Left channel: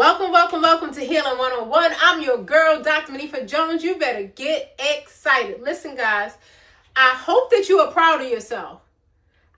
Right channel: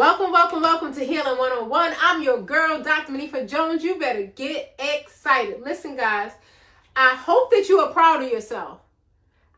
Welcome to Healing 101. I'm your girl, Dr. Monifa Jones. You better get excited. Listen, guys, I hope that you are proud of yourself.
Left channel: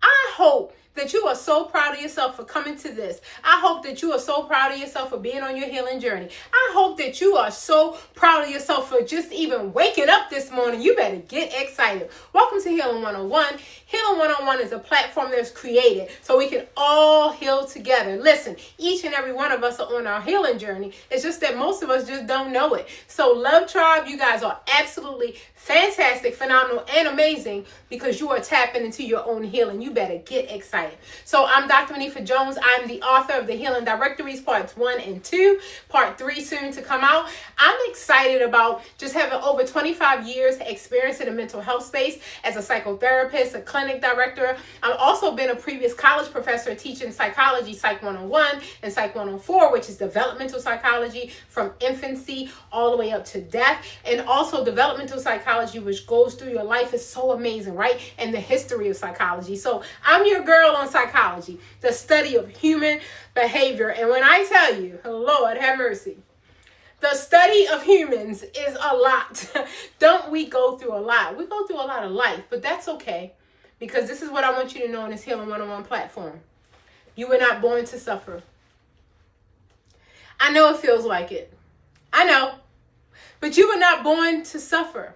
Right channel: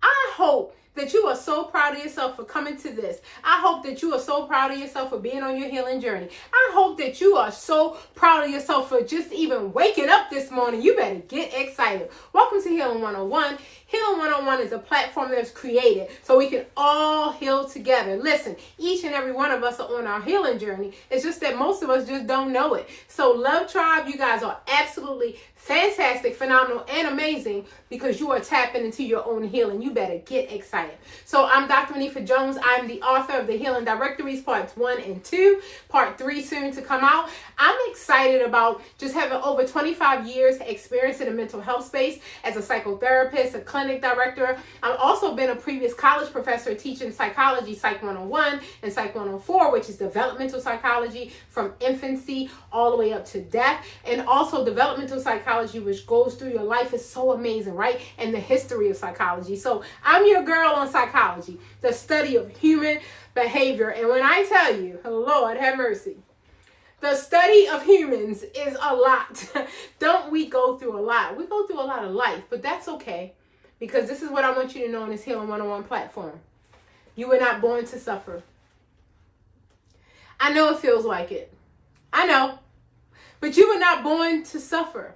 I hope that you are so proud of yourself for coming to this. I hope that you are so proud of yourself for being on your healing journey. I hope that you are so proud of yourself for just even waking up this morning. You better get excited. Welcome to Healing 101. Healing 101 is a platform that's created so we can all heal together. Listen, each and every one of us are on our healing journey. It's just that most of us just don't know it. So Love Tribe, you guys are absolutely fantastic, phenomenal, and amazing because you are tapping into your own healing. You better get excited. So I'm Dr. Monifa Jones. I'm the author of the Healing Directories, parts 1 and 2, part 3 soon to come out. I'm excited about just having over 25 years experience in the mental health space as a psychotherapist, a clinic director. I've also been a previous college professor teaching psychology, Psych 101 and Psych 104, which is developmental psychology from infancy all the way up to death, and also developmental psychology, which goes through your life. Is so amazing, right? And the history of psychology. So I'm your girl on psychology, the study of human behavior. And when I tell you, Lord have mercy, the study of humans is a lot. Don't we go through a lot? We go through a lot of life, but that's okay, because this is what I want you to know on this Healing 101 platform. You were not born to suffer. I know it feels like it. I know. But you were not born to suffer.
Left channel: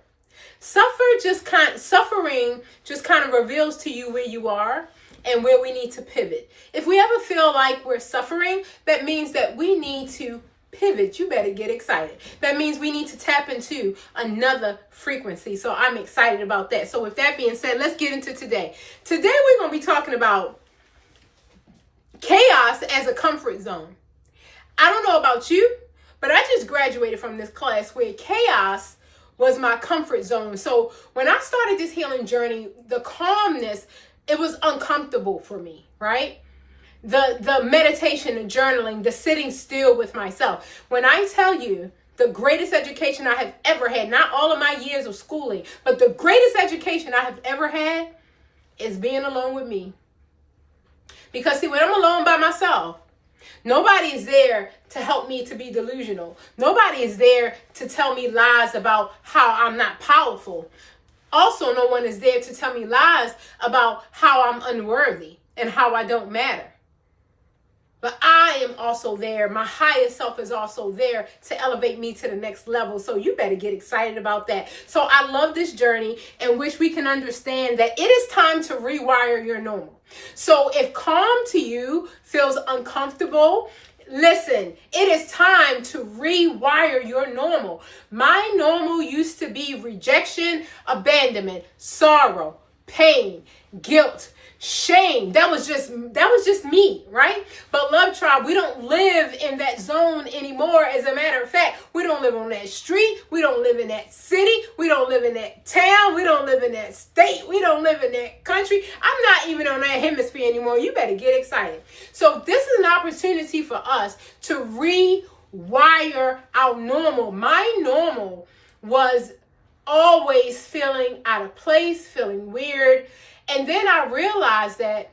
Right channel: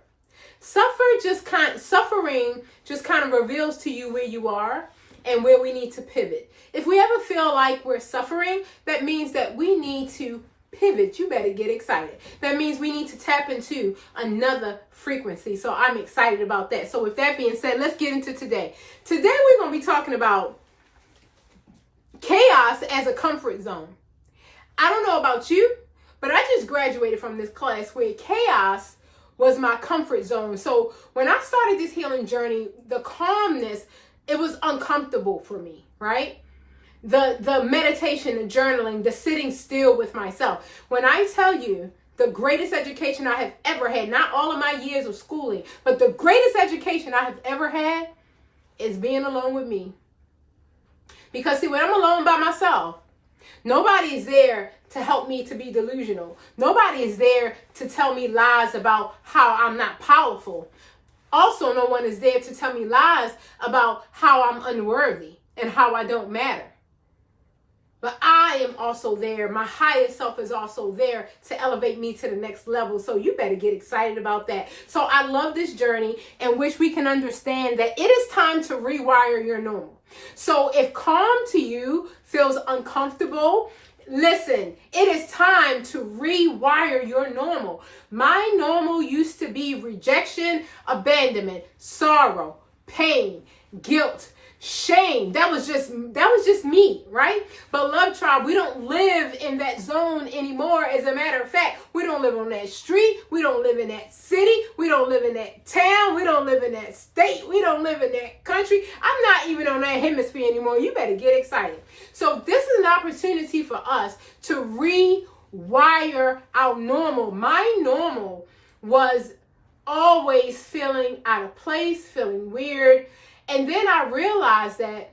Suffering just kind of reveals to you where you are and where we need to pivot. If we ever feel like we're suffering, that means that we need to pivot. You better get excited. That means we need to tap into another frequency. So I'm excited about that. So with that being said, let's get into today. Today we're going to be talking about chaos as a comfort zone. I don't know about you, but I just graduated from this class where chaos was my comfort zone. So when I started this healing journey, the calmness, it was uncomfortable for me, right? The meditation, the journaling, the sitting still with myself. When I tell you the greatest education I have ever had, not all of my years of schooling, but the greatest education I have ever had is being alone with me. Because see, when I'm alone by myself, nobody is there to help me to be delusional. Nobody is there to tell me lies about how I'm not powerful. Also, no one is there to tell me lies about how I'm unworthy and how I don't matter. But I am also there. My highest self is also there to elevate me to the next level. So you better get excited about that. So I love this journey in which we can understand that it is time to rewire your normal. So if calm to you feels uncomfortable, listen, it is time to rewire your normal. My normal used to be rejection, abandonment, sorrow, pain, guilt, shame. That was just me, right? But Love Tribe, we don't live in that zone anymore. As a matter of fact, we don't live on that street. We don't live in that city. We don't live in that town. We don't live in that state. We don't live in that country. I'm not even on that hemisphere anymore. You better get excited. So this is an opportunity for us to rewire our normal. My normal was always feeling out of place, feeling weird. And then I realized that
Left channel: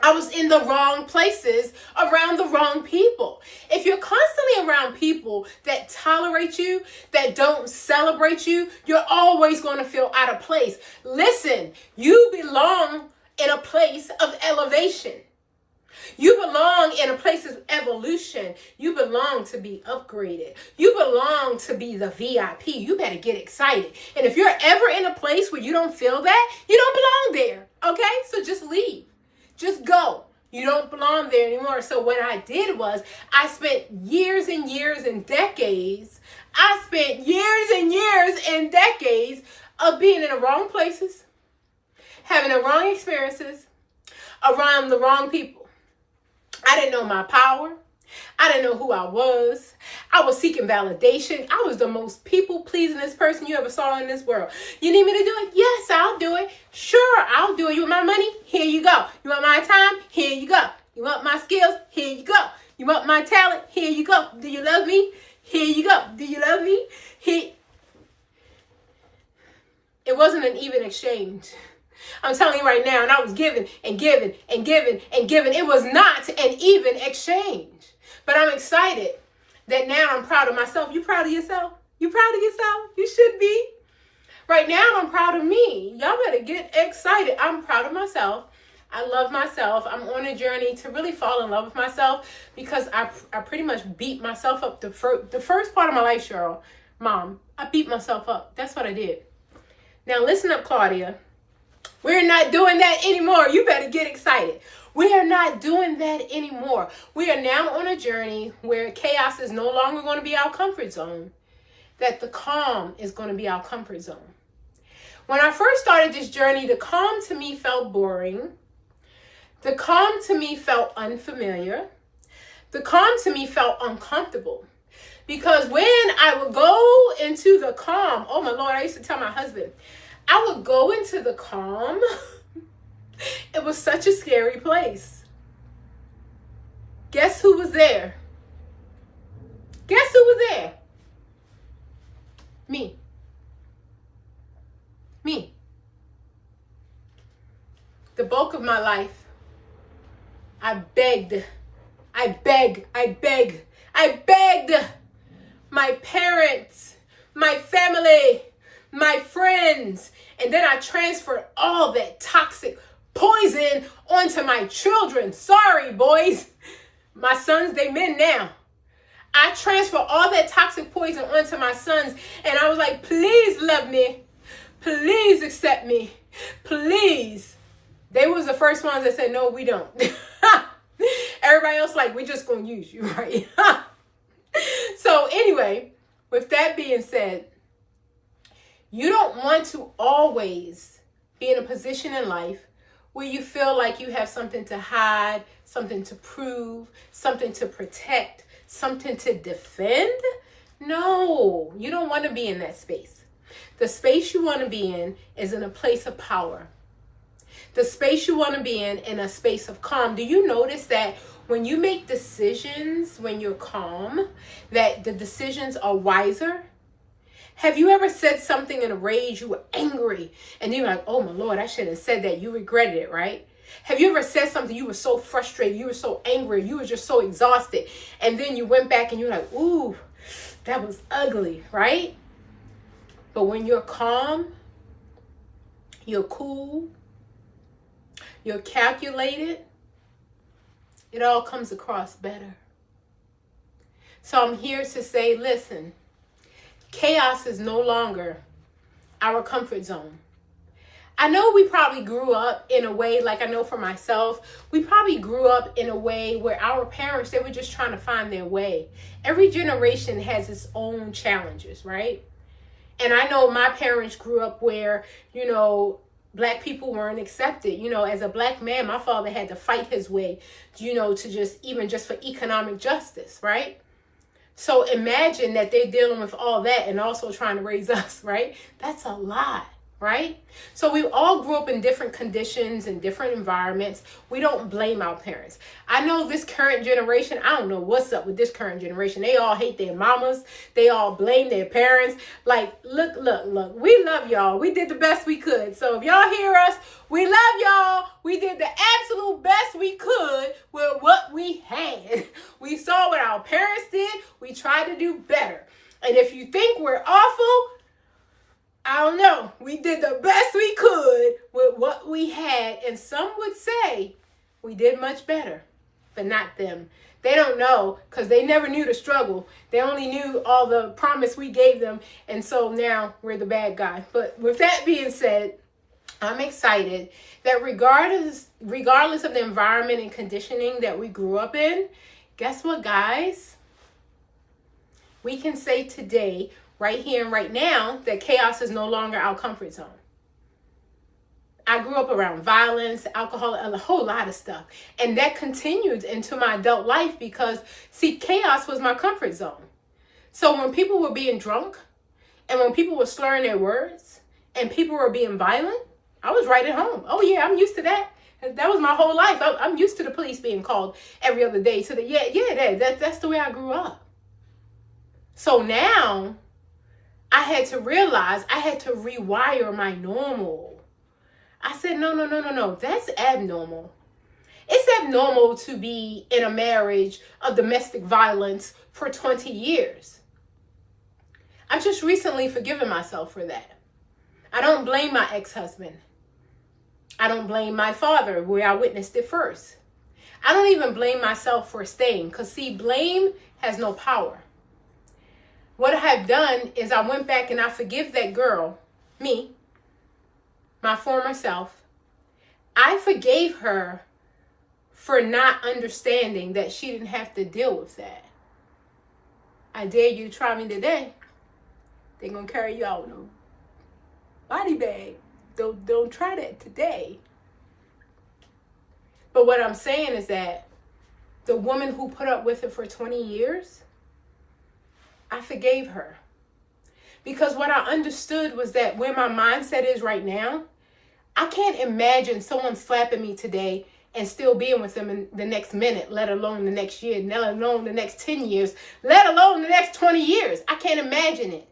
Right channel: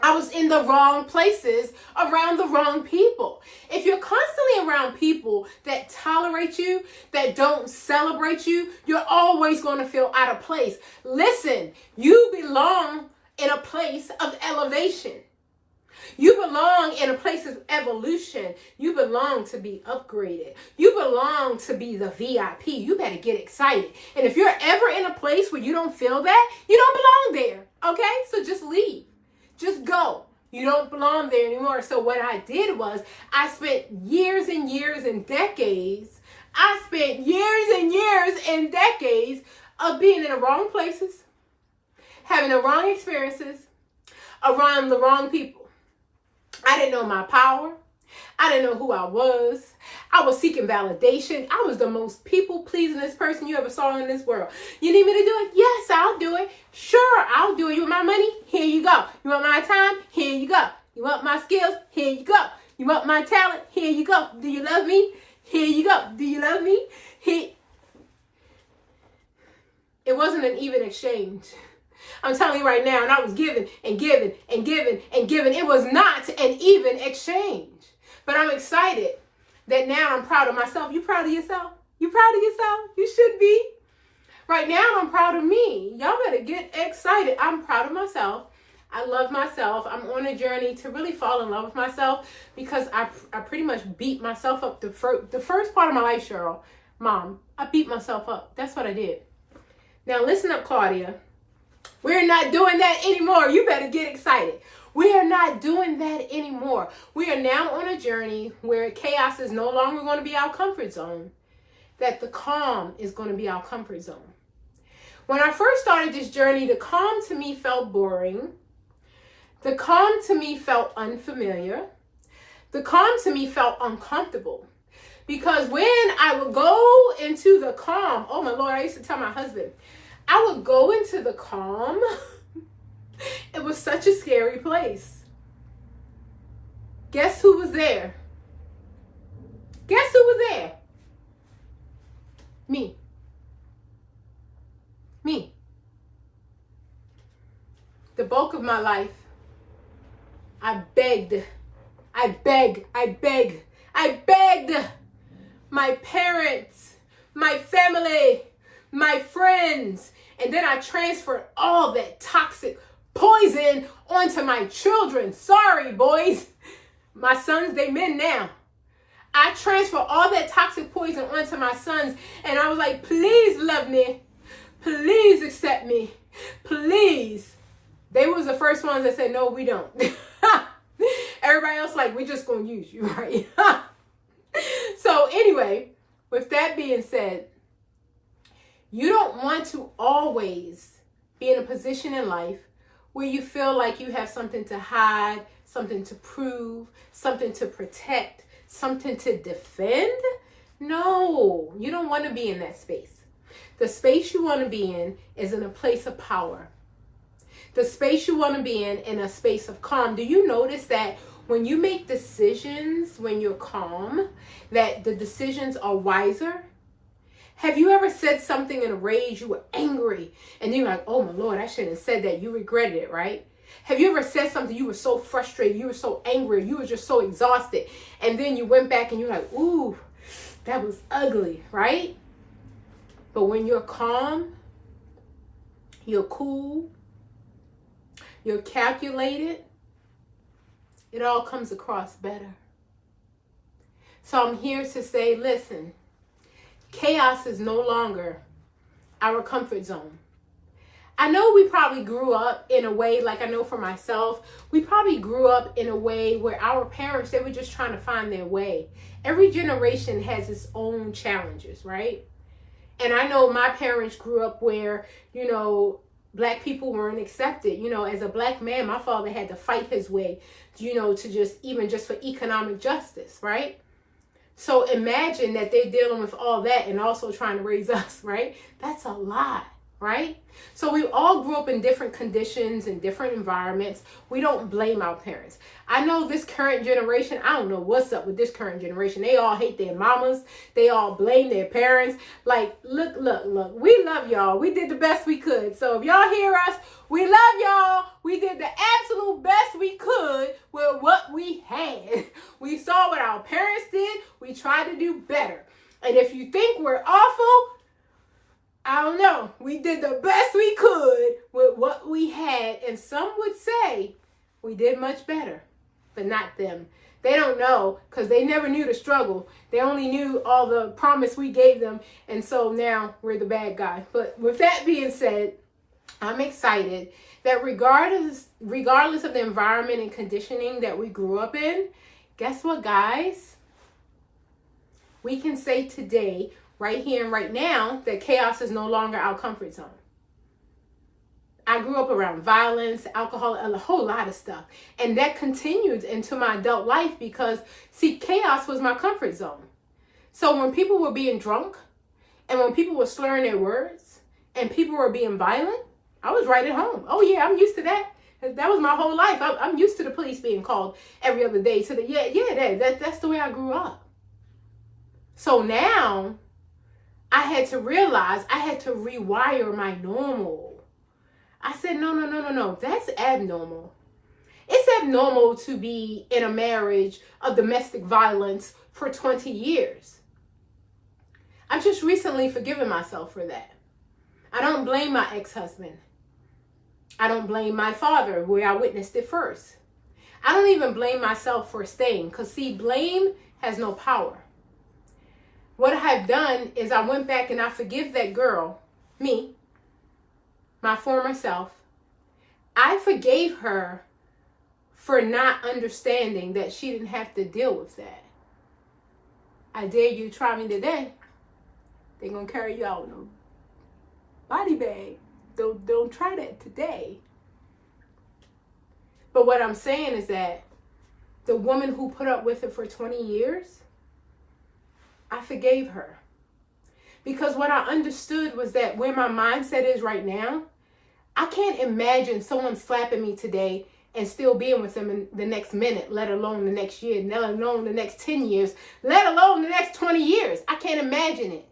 I was in the wrong places around the wrong people. If you're constantly around people that tolerate you, that don't celebrate you, you're always going to feel out of place. Listen, you belong in a place of elevation. You belong in a place of evolution. You belong to be upgraded. You belong to be the VIP. You better get excited. And if you're ever in a place where you don't feel that, you don't belong there. Okay? So just leave. Just go. You don't belong there anymore. So what I did was I spent years and years and decades. I spent years and years and decades of being in the wrong places, having the wrong experiences, around the wrong people. I didn't know my power. I didn't know who I was. I was seeking validation. I was the most people-pleasingest person you ever saw in this world. You need me to do it? Yes, I'll do it. Sure, I'll do it. You want my money? Here you go. You want my time? Here you go. You want my skills? Here you go. You want my talent? Here you go. Do you love me? Here you go. Do you love me? Here. It wasn't an even exchange. I'm telling you right now, and I was giving and giving and giving and giving. It was not an even exchange. But I'm excited that now I'm proud of myself. You proud of yourself? You proud of yourself? You should be. Right now, I'm proud of me. Y'all better get excited. I'm proud of myself. I love myself. I'm on a journey to really fall in love with myself because I pretty much beat myself up the first part of my life, Cheryl. Mom, I beat myself up. That's what I did. Now, listen up, Claudia. We're not doing that anymore. You better get excited. We are not doing that anymore. We are now on a journey where chaos is no longer going to be our comfort zone, that the calm is going to be our comfort zone. When I first started this journey, the calm to me felt boring. The calm to me felt unfamiliar. The calm to me felt uncomfortable. Because when I would go into the calm, oh my Lord, I used to tell my husband, I would go into the calm. It was such a scary place. Guess who was there? Guess who was there? Me. Me. The bulk of my life, I begged my parents, my family, my friends, and then I transferred all that toxic poison onto my children. Sorry, boys. My sons, they men now. I transferred all that toxic poison onto my sons, and I was like, please love me. Please accept me. Please. They was the first ones that said, no, we don't. Everybody else like, we just gonna use you, right? So anyway, with that being said, you don't want to always be in a position in life where you feel like you have something to hide, something to prove, something to protect, something to defend. No, you don't want to be in that space. The space you want to be in is in a place of power. The space you want to be in a space of calm. Do you notice that when you make decisions, when you're calm, that the decisions are wiser? Have you ever said something in a rage, you were angry, and you're like, oh my Lord, I shouldn't have said that. You regretted it, right? Have you ever said something, you were so frustrated, you were so angry, you were just so exhausted, and then you went back and you're like, ooh, that was ugly, right? But when you're calm, you're cool, you're calculated, it all comes across better. So I'm here to say, listen, chaos is no longer our comfort zone. I know we probably grew up in a way, like I know for myself, we probably grew up in a way where our parents, they were just trying to find their way. Every generation has its own challenges, right? And I know my parents grew up where, you know, Black people weren't accepted. You know, as a Black man, my father had to fight his way, you know, to just for economic justice, right? So imagine that they're dealing with all that and also trying to raise us, right? That's a lot, right? So we all grew up in different conditions and different environments. We don't blame our parents. I know this current generation, I don't know what's up with this current generation. They all hate their mamas. They all blame their parents. Like, look, we love y'all. We did the best we could. So if y'all hear us, we love y'all. We did the absolute best we could with what we had. We saw what our parents did. We tried to do better. And if you think we're awful, I don't know. We did the best we could with what we had. And some would say we did much better, but not them. They don't know because they never knew the struggle. They only knew all the promise we gave them. And so now we're the bad guy. But with that being said, I'm excited that regardless of the environment and conditioning that we grew up in, guess what, guys? We can say today, right here and right now, that chaos is no longer our comfort zone. I grew up around violence, alcohol, and a whole lot of stuff. And that continued into my adult life because, see, chaos was my comfort zone. So when people were being drunk and when people were slurring their words and people were being violent, I was right at home. Oh, yeah, I'm used to that. That was my whole life. I'm used to the police being called every other day. So that's the way I grew up. So now I had to realize I had to rewire my normal. I said, no, that's abnormal. It's abnormal to be in a marriage of domestic violence for 20 years. I've just recently forgiven myself for that. I don't blame my ex-husband. I don't blame my father, where I witnessed it first. I don't even blame myself for staying, because see, blame has no power. What I have done is I went back and I forgive that girl, me, my former self. I forgave her for not understanding that she didn't have to deal with that. I dare you to try me today. They're going to carry you out in a body bag. Don't try that today. But what I'm saying is that the woman who put up with it for 20 years, I forgave her. Because what I understood was that where my mindset is right now, I can't imagine someone slapping me today and still being with them in the next minute, let alone the next year, let alone the next 10 years, let alone the next 20 years. I can't imagine it.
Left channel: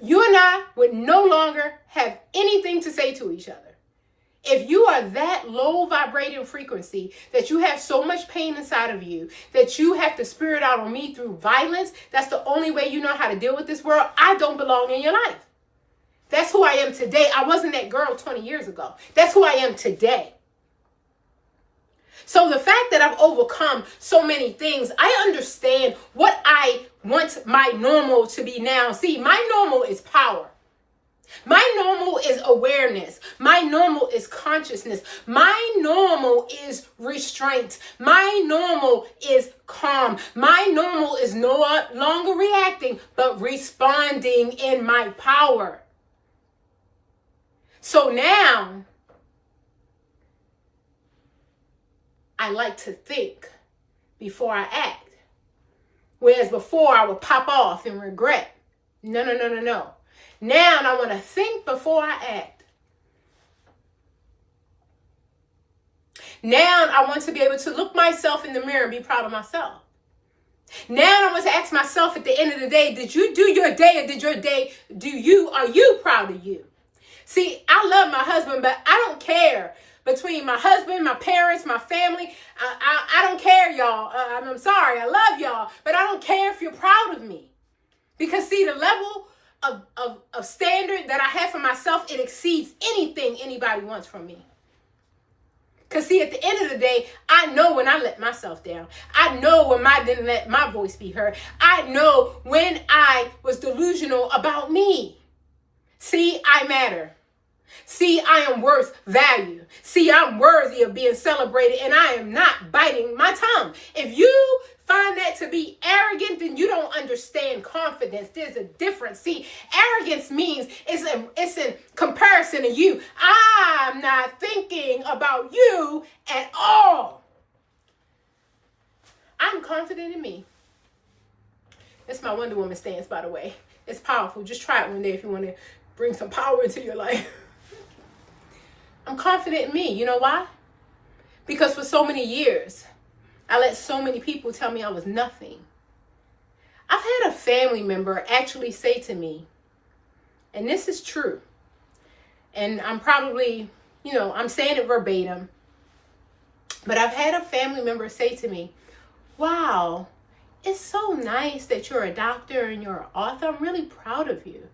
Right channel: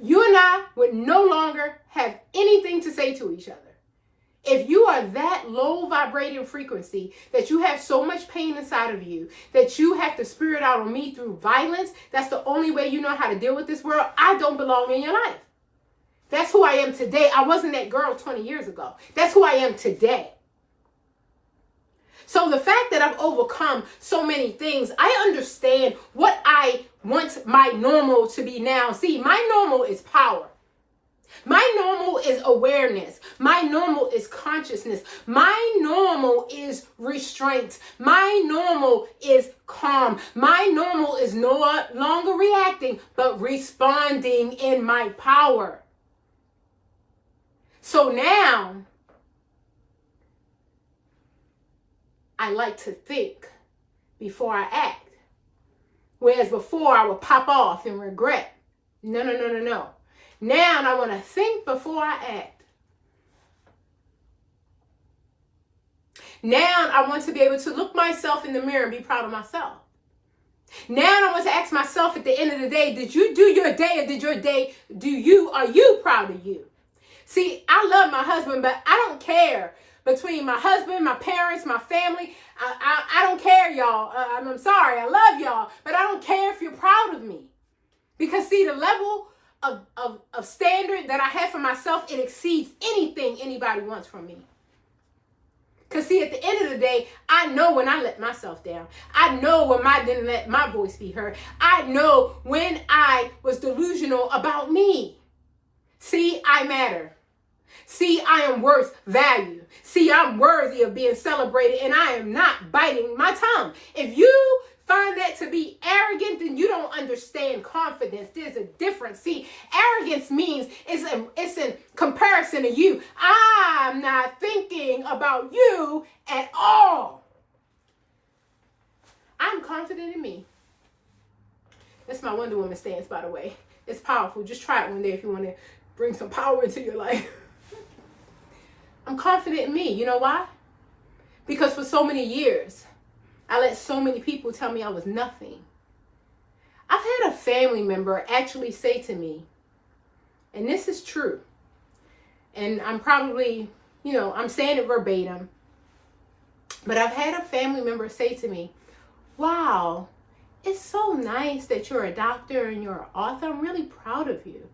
You and I would no longer have anything to say to each other. If you are that low vibrating frequency, that you have so much pain inside of you, that you have to spirit out on me through violence, that's the only way you know how to deal with this world, I don't belong in your life. That's who I am today. I wasn't that girl 20 years ago. That's who I am today. So the fact that I've overcome so many things, I understand what I want my normal to be now. See, my normal is power. My normal is awareness. My normal is consciousness. My normal is restraint. My normal is calm. My normal is no longer reacting, but responding in my power. So now, I like to think before I act. Whereas before I would pop off and regret. No. Now I want to think before I act. Now I want to be able to look myself in the mirror and be proud of myself. Now I want to ask myself at the end of the day, did you do your day, or did your day are you proud of you? See, I love my husband, but I don't care. Between my husband, my parents, my family, I don't care, y'all. I'm sorry, I love y'all, but I don't care if you're proud of me. Because see, the level of standard that I have for myself, it exceeds anything anybody wants from me. Because see, at the end of the day, I know when I let myself down. I know when I didn't let my voice be heard. I know when I was delusional about me. See, I matter. See, I am worth value. See, I'm worthy of being celebrated, and I am not biting my tongue. If you find that to be arrogant, then you don't understand confidence. There's a difference. See, arrogance means it's in comparison to you. I'm not thinking about you at all. I'm confident in me. That's my Wonder Woman stance, by the way. It's powerful. Just try it one day if you want to bring some power into your life. I'm confident in me. You know why? Because for so many years, I let so many people tell me I was nothing. I've had a family member actually say to me, and this is true, and I'm probably, I'm saying it verbatim, but I've had a family member say to me, wow, it's so nice that you're a doctor and you're an author. I'm really proud of you.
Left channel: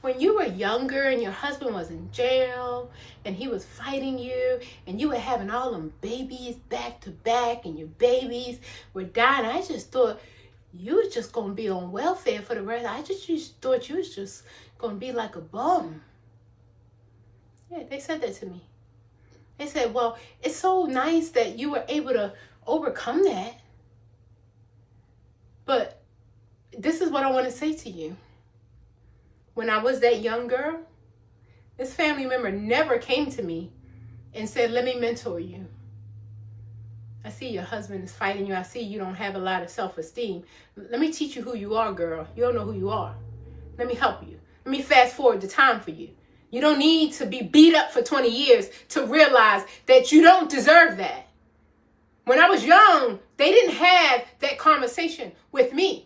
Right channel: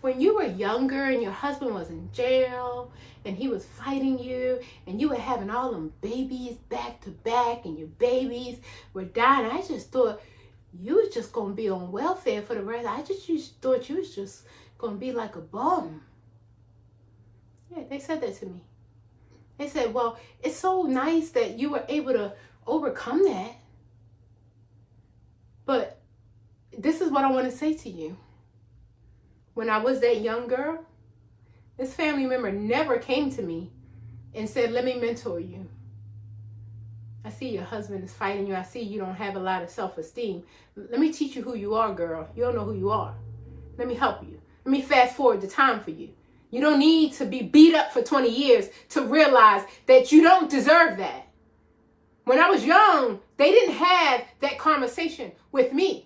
When you were younger and your husband was in jail and he was fighting you and you were having all them babies back to back and your babies were dying, I just thought you was just going to be on welfare for the rest. I just thought you was just going to be like a bum. Yeah, they said that to me. They said, well, it's so nice that you were able to overcome that. But this is what I want to say to you. When I was that young girl, this family member never came to me and said, let me mentor you. I see your husband is fighting you. I see you don't have a lot of self-esteem. Let me teach you who you are, girl. You don't know who you are. Let me help you. Let me fast forward the time for you. You don't need to be beat up for 20 years to realize that you don't deserve that. When I was young, they didn't have that conversation with me.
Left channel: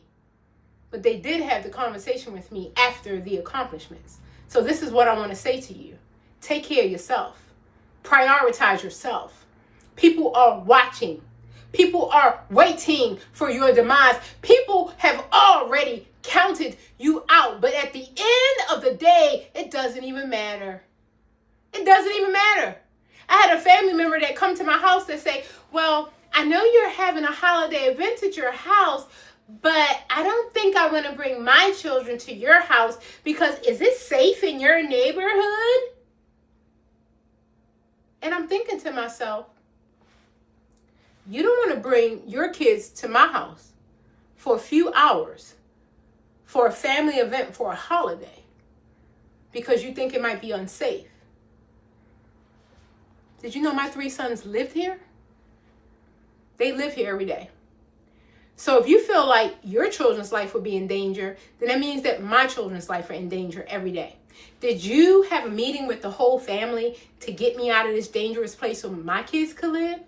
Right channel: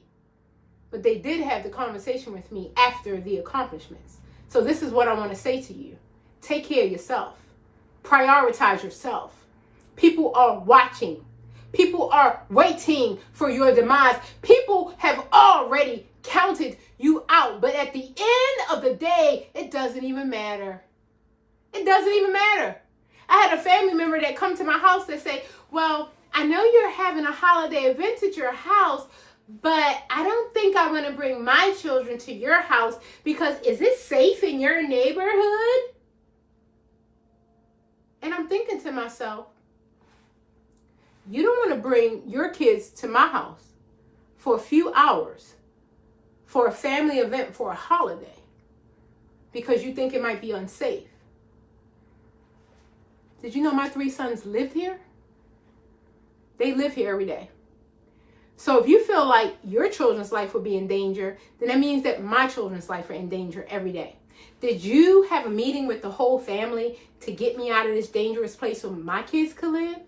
But they did have the conversation with me after the accomplishments. So this is what I want to say to you. Take care of yourself. Prioritize yourself. People are watching. People are waiting for your demise. People have already counted you out. But at the end of the day, it doesn't even matter. It doesn't even matter. I had a family member that come to my house that say, well, I know you're having a holiday event at your house, but I don't think I want to bring my children to your house because is it safe in your neighborhood? And I'm thinking to myself, you don't want to bring your kids to my house for a few hours for a family event for a holiday because you think it might be unsafe. Did you know my 3 sons lived here? They live here every day. So if you feel like your children's life will be in danger, then that means that my children's life are in danger every day. Did you have a meeting with the whole family to get me out of this dangerous place so my kids could live?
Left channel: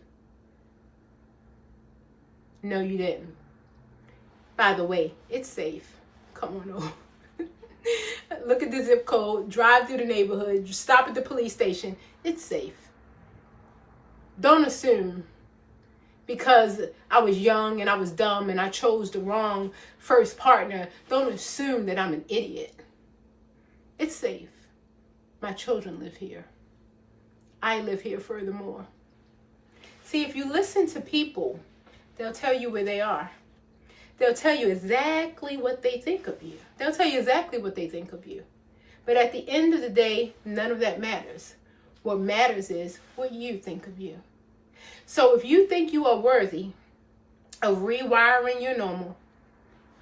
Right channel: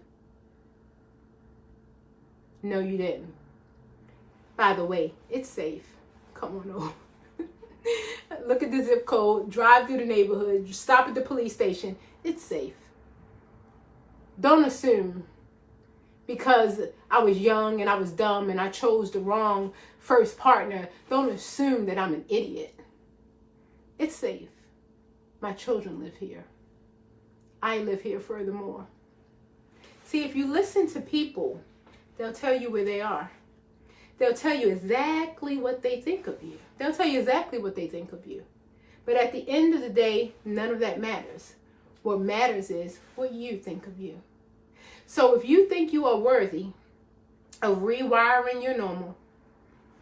No, you didn't. By the way, it's safe. Come on over. Look at the zip code, drive through the neighborhood, stop at the police station. It's safe. Don't assume because I was young and I was dumb and I chose the wrong first partner, don't assume that I'm an idiot. It's safe. My children live here. I live here furthermore. See, if you listen to people, they'll tell you where they are. They'll tell you exactly what they think of you. They'll tell you exactly what they think of you. But at the end of the day, none of that matters. What matters is what you think of you. So if you think you are worthy of rewiring your normal,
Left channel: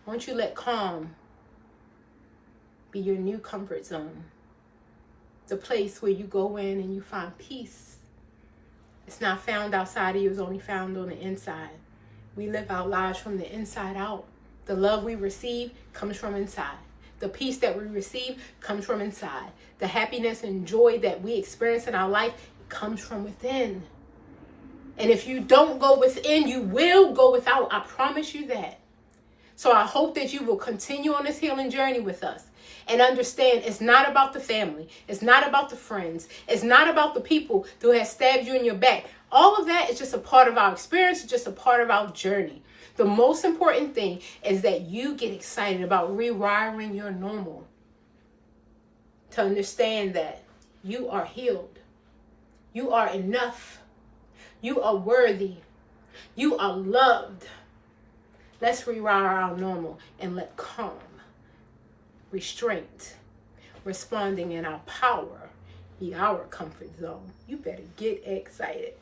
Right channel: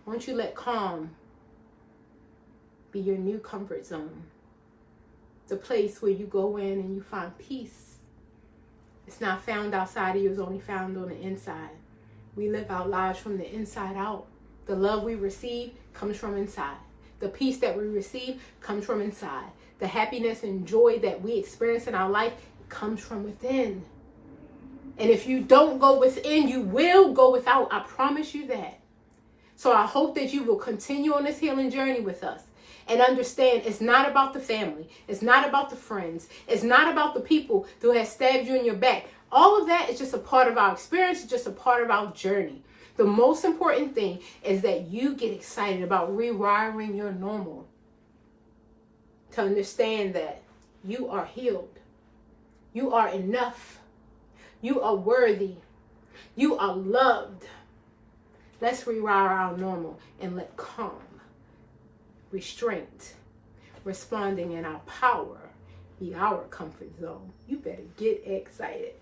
won't you let calm be your new comfort zone? The place where you go in and you find peace. It's not found outside of you, it's only found on the inside. We live our lives from the inside out. The love we receive comes from inside. The peace that we receive comes from inside. The happiness and joy that we experience in our life comes from within. And if you don't go within, you will go without. I promise you that. So I hope that you will continue on this healing journey with us and understand it's not about the family. It's not about the friends. It's not about the people who have stabbed you in your back. All of that is just a part of our experience. It's just a part of our journey. The most important thing is that you get excited about rewiring your normal to understand that you are healed. You are enough. You are worthy. You are loved. Let's rewire our normal and let calm, restraint, responding in our power be our comfort zone. You better get excited.